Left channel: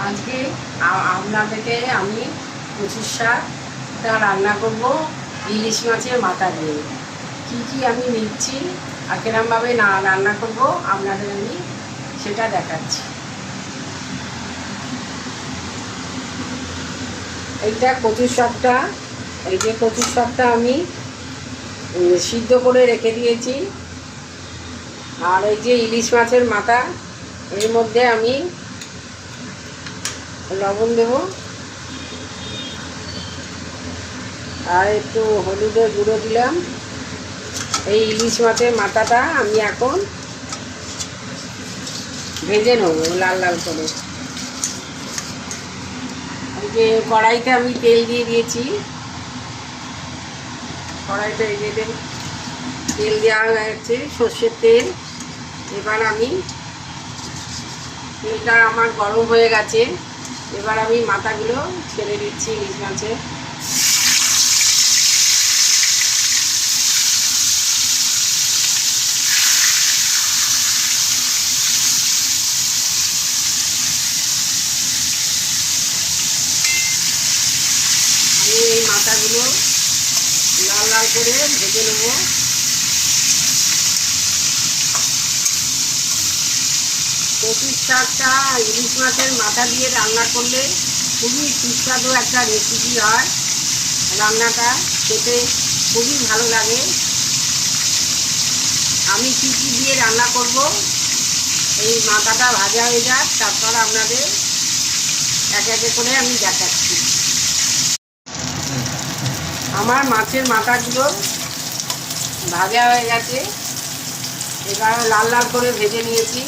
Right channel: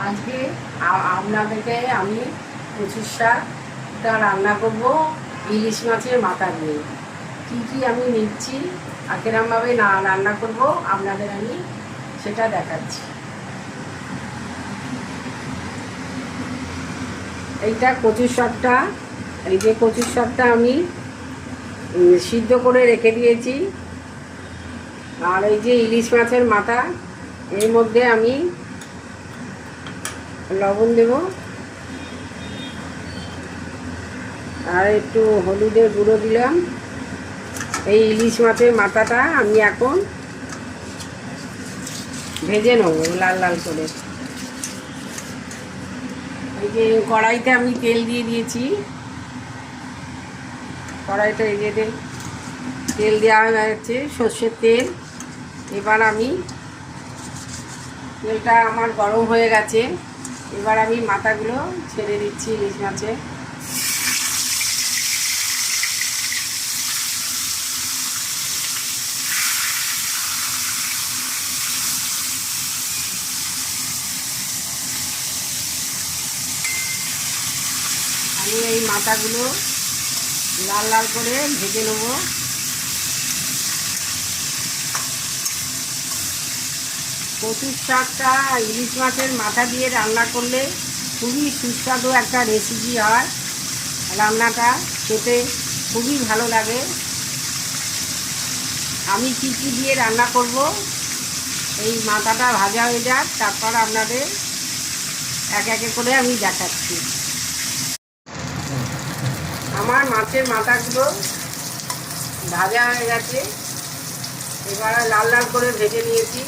আজকে আপনাদেরকে আমি কচুর শাকটা রান্না করব ইলিশ মাছের মাথা দিয়ে। কি কি আমি নিচ্ছি আর কিরমভাবে রান্না করব আপনাদের আমি সেটা দেখাচ্ছি। এইটা কচুর শাকটা, এই যে কচুর শাকটা আমি সিদ্ধ করে রেখে দিয়েছি। আর এই যে ইলিশ মাছের মাথা, এর মধ্যে আমি লবণ দেব আর একটু হলুদের গুঁড়ো দিলাম। এই ইলিশ মাছের মাথাটা আমি এখন ভেজে নেব লাল লাল করে। এই যে কড়াইতে আমি তেল দিয়ে দিয়েছি, কড়াইটা এই যে তেল দেওয়া হয়েছে, সর্ষের তেল। এবার আমি তেলটা আমার গরম হয়ে গেছে, এবার আমি মাথাগুলো ছেড়ে দিচ্ছি ইলিশ মাছের। আমি এই মাথাগুলো লাল লাল করে ভেজে নেব। কচুর শাকটা ইলিশ মাছের মাথা দিয়ে রান্না করলে খুবই সুস্বাদু একটা রেসিপি হয়। রান্নাটা খেতে খুবই ভালো লাগে। আমি কী কী দিয়ে রান্না করব, এই মাথাটা ভাজা হয়ে যাক, তারপর আপনাদের এক একে করে আমি দেখাচ্ছি। আমার মাছের মাথাগুলো ভাজা হয়ে গেছে, এবার লাল লাল করে ভেজে নিয়েছি।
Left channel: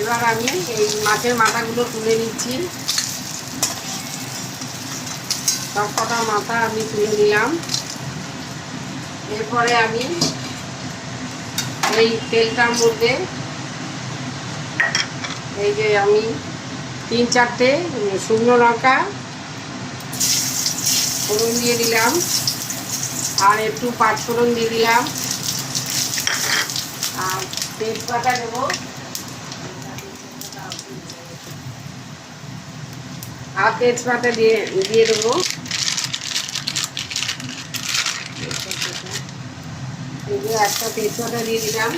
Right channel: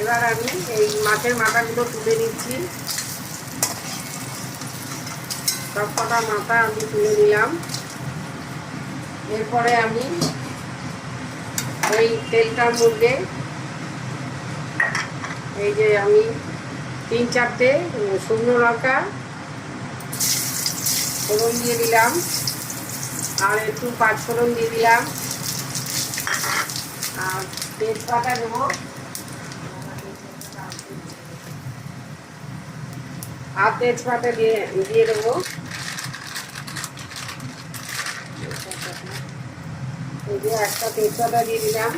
এবার আমি এই মাছের মাথাগুলো তুলে নিচ্ছি। সব কটা মাথা আমি তুলে নিলাম। এরপরে আমি এই তেলটার মধ্যে এই যে আমি 3-4টে শুকনো লঙ্কা ফোড়ন দিয়ে দিলাম, আর একটু পাঁচফোড়ন দিয়ে দিলাম, আর তেজপাতা দেবো, আর তেজপাতা দিয়ে দেবো। একটা তেজপাতা দিয়ে দিলাম,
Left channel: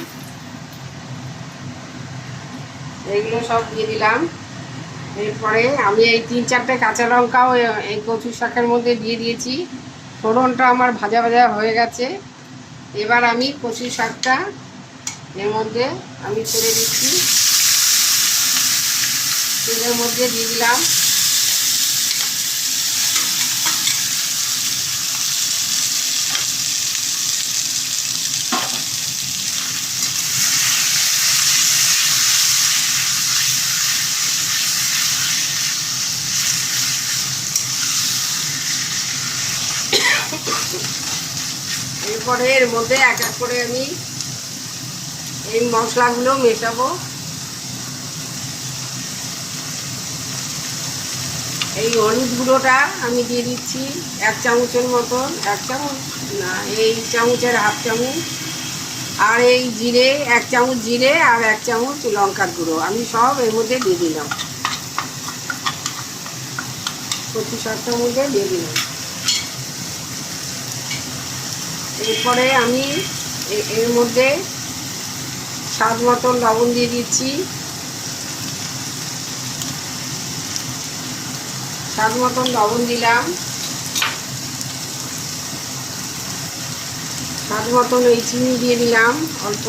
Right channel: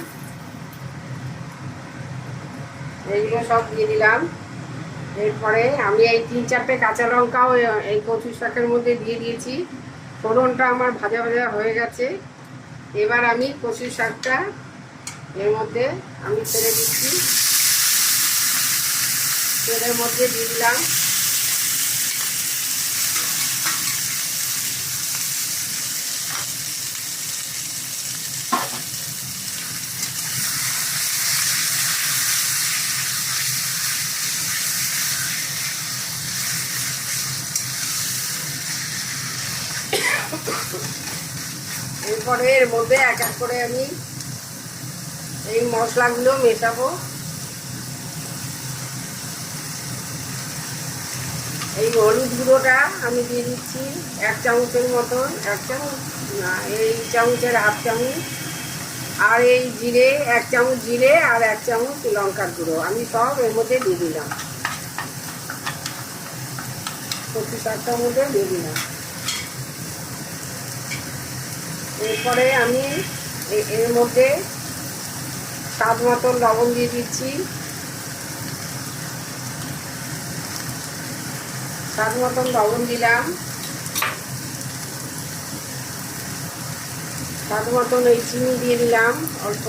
এইগুলো সব দিয়ে দিলাম। এরপরে আমি এই 3-4টে কাঁচা লঙ্কাও এই কচু শাকের মধ্যে দিয়ে দিয়েছি। ফোড়নটা আমার ভাজা ভাজা হয়ে গেছে। এবার আমি কচু শাকটা এর মধ্যে আমি ছেড়ে দিচ্ছি, তেলের মধ্যে দিয়ে দিলাম। এরপরে এর মধ্যে এক এক করে আমি এই মশলাগুলো মেশাবো। এই হলুদ গুঁড়োটা আমি দিয়ে দিচ্ছি 1 চামচের মতন, 1 চামচ না, এই চামচের হাফ চামচ। আর এই জিরে 1 চামচ জিরে আর 1 চামচ লঙ্কার গুঁড়ো আমি সব এর মধ্যে দিয়ে দিলাম, কচু শাকটার মধ্যে দিয়ে দিলাম। এরপরে আমি এর মধ্যে স্বাদ মতন লবণ দিয়ে দিচ্ছি, স্বাদ মতন লবণ দিলাম, স্বাদ মতন এই চিনি দিয়ে দিলাম অল্প।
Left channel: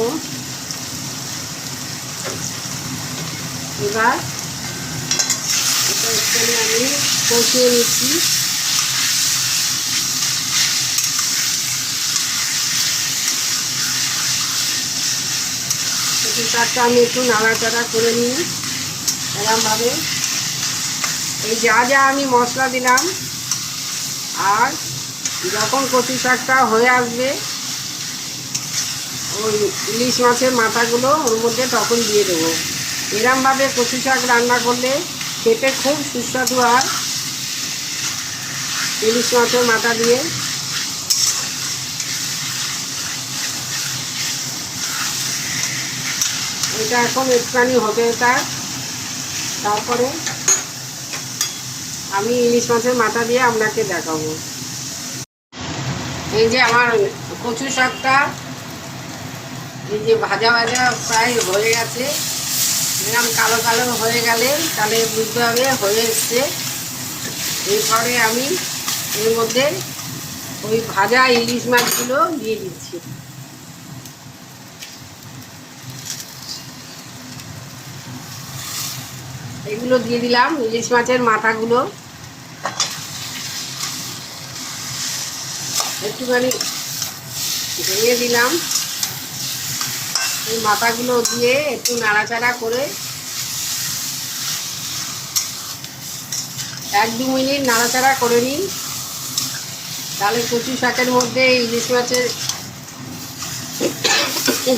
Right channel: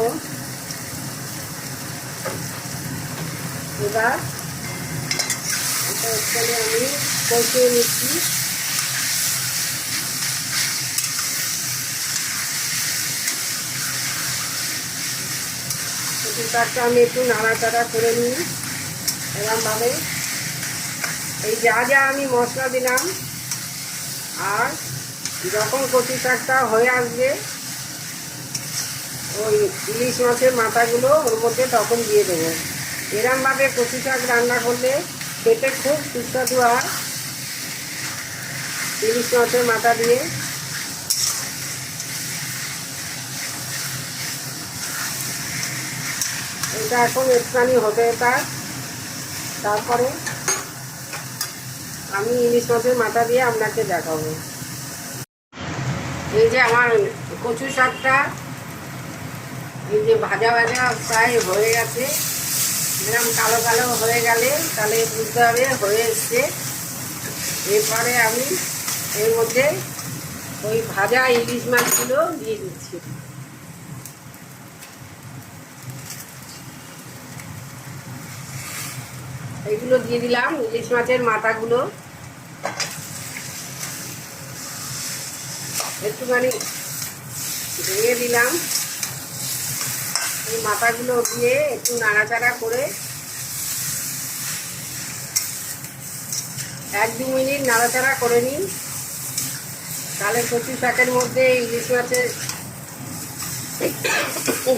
এবার এটা এখানে আমি কষিয়ে নিচ্ছি। শাকটা আমি একটু নাড়াচাড়া করে নিই এরকমভাবে। এই যা যা আমি মশলা দিলাম, আর যখন কচু শাকটা হয়ে আসবে ওই ইলিশ মাছের মাথাগুলো ওর মধ্যে তখন দিয়ে দেবো। এরকমভাবে কচু শাক রান্না করলে খেতে খুব সুস্বাদু হয় ইলিশ মাছের মাথা দিয়ে। এটা এখন একটুখানি হতে থাক, তারপরে আমি ইলিশ মাছের মাথা দিয়ে আপনাকে দেখাবো। এই যে আমার কচু শাকটা এই যে ভাজা ভাজা প্রায় হয়ে গেছে। এরকম কালো কালো হয়ে গেলে তাহলে বুঝতে হবে হয়ে এসছে। এরপরে আমি এর মধ্যে ওই ভাজা ইলিশ মাছগুলো দিয়ে দিচ্ছি। এইগুলো দিয়ে দিলাম, ইলিশ মাছের মাথাগুলো একটুখানি ভেঙে দিলাম। এই মাথাগুলো দিয়ে একটু নাড়াচাড়া করে 1-2 মিনিট নাড়াচাড়া করে নিই, তাহলে কচু শাকের মধ্যে ইলিশ মাছের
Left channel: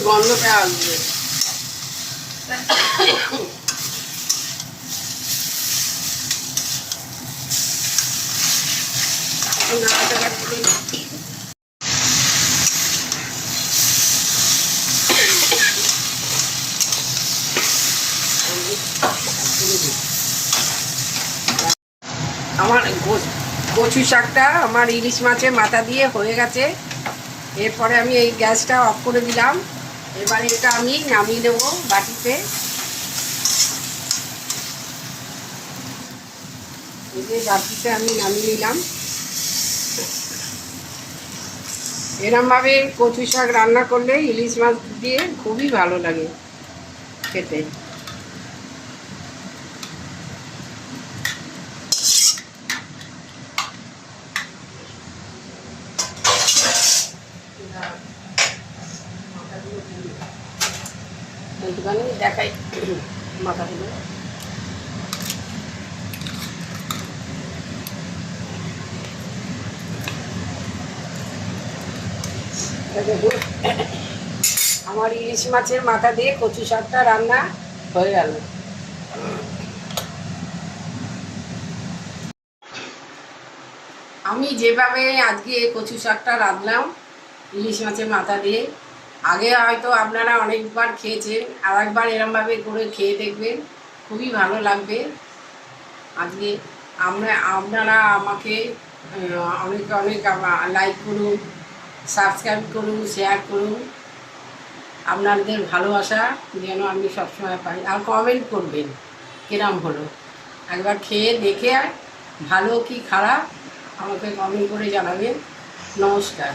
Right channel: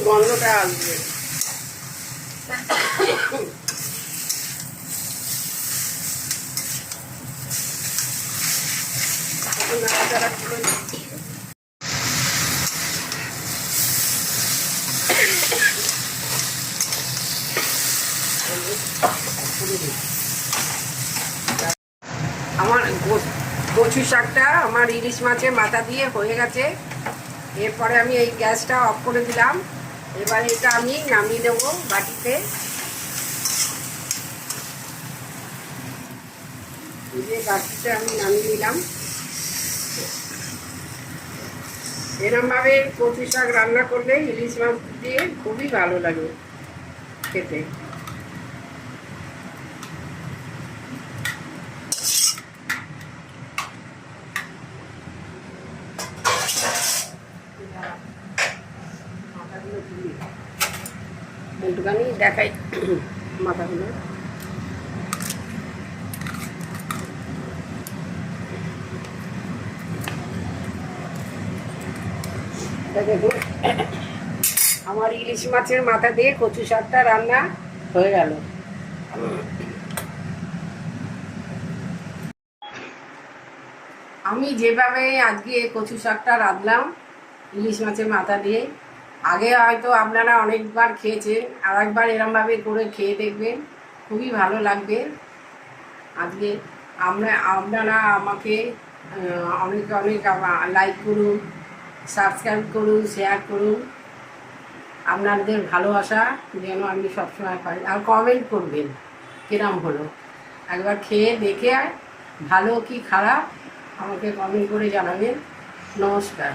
গন্ধটা আসবে। নাড়াচাড়া করে আমার কচু শাকটা আমার ইলিশ মাছের মাথা দিয়ে হয়ে গেছে। এরপরে আমি এই গ্যাসটা অফ করে দিলাম। এবার এটা আমি নামিয়ে দেবো বাটিতে। এই যে বাটিতে আমি নামিয়ে নিলাম। এরমভাবে কচু শাক রান্না করলে ইলিশ মাছ দিয়ে খুবই ভালো লাগে খেতে। একটুখানি দেখাই মাথাগুলো। আমার ইলিশ মাছের মাথা দিয়ে কচু শাকটা রান্না হয়ে গেল। আমি যেভাবে আজকে কচু শাকটা রাঁধলাম ইলিশ মাছের মাথা দিয়ে, আগে হয়তো আপনারা অনেকবার খেয়েছেন, আর একবার এরমভাবে করে খেয়ে দেখবেন, খুবই ভালো লাগবে। আজকে আপনারা আমাকে অনেক অনেক লাইক করুন, সাবস্ক্রাইব করুন, শেয়ার করুন। আপনাদের ভালোবাসা যেন আমি সবসময় পাই, আর কমেন্ট করবেন কিরম হলো। একবার খেয়ে দেখে ভালো কি খারাপ আমাকে কমেন্ট করে জানাবেন। নমস্কার।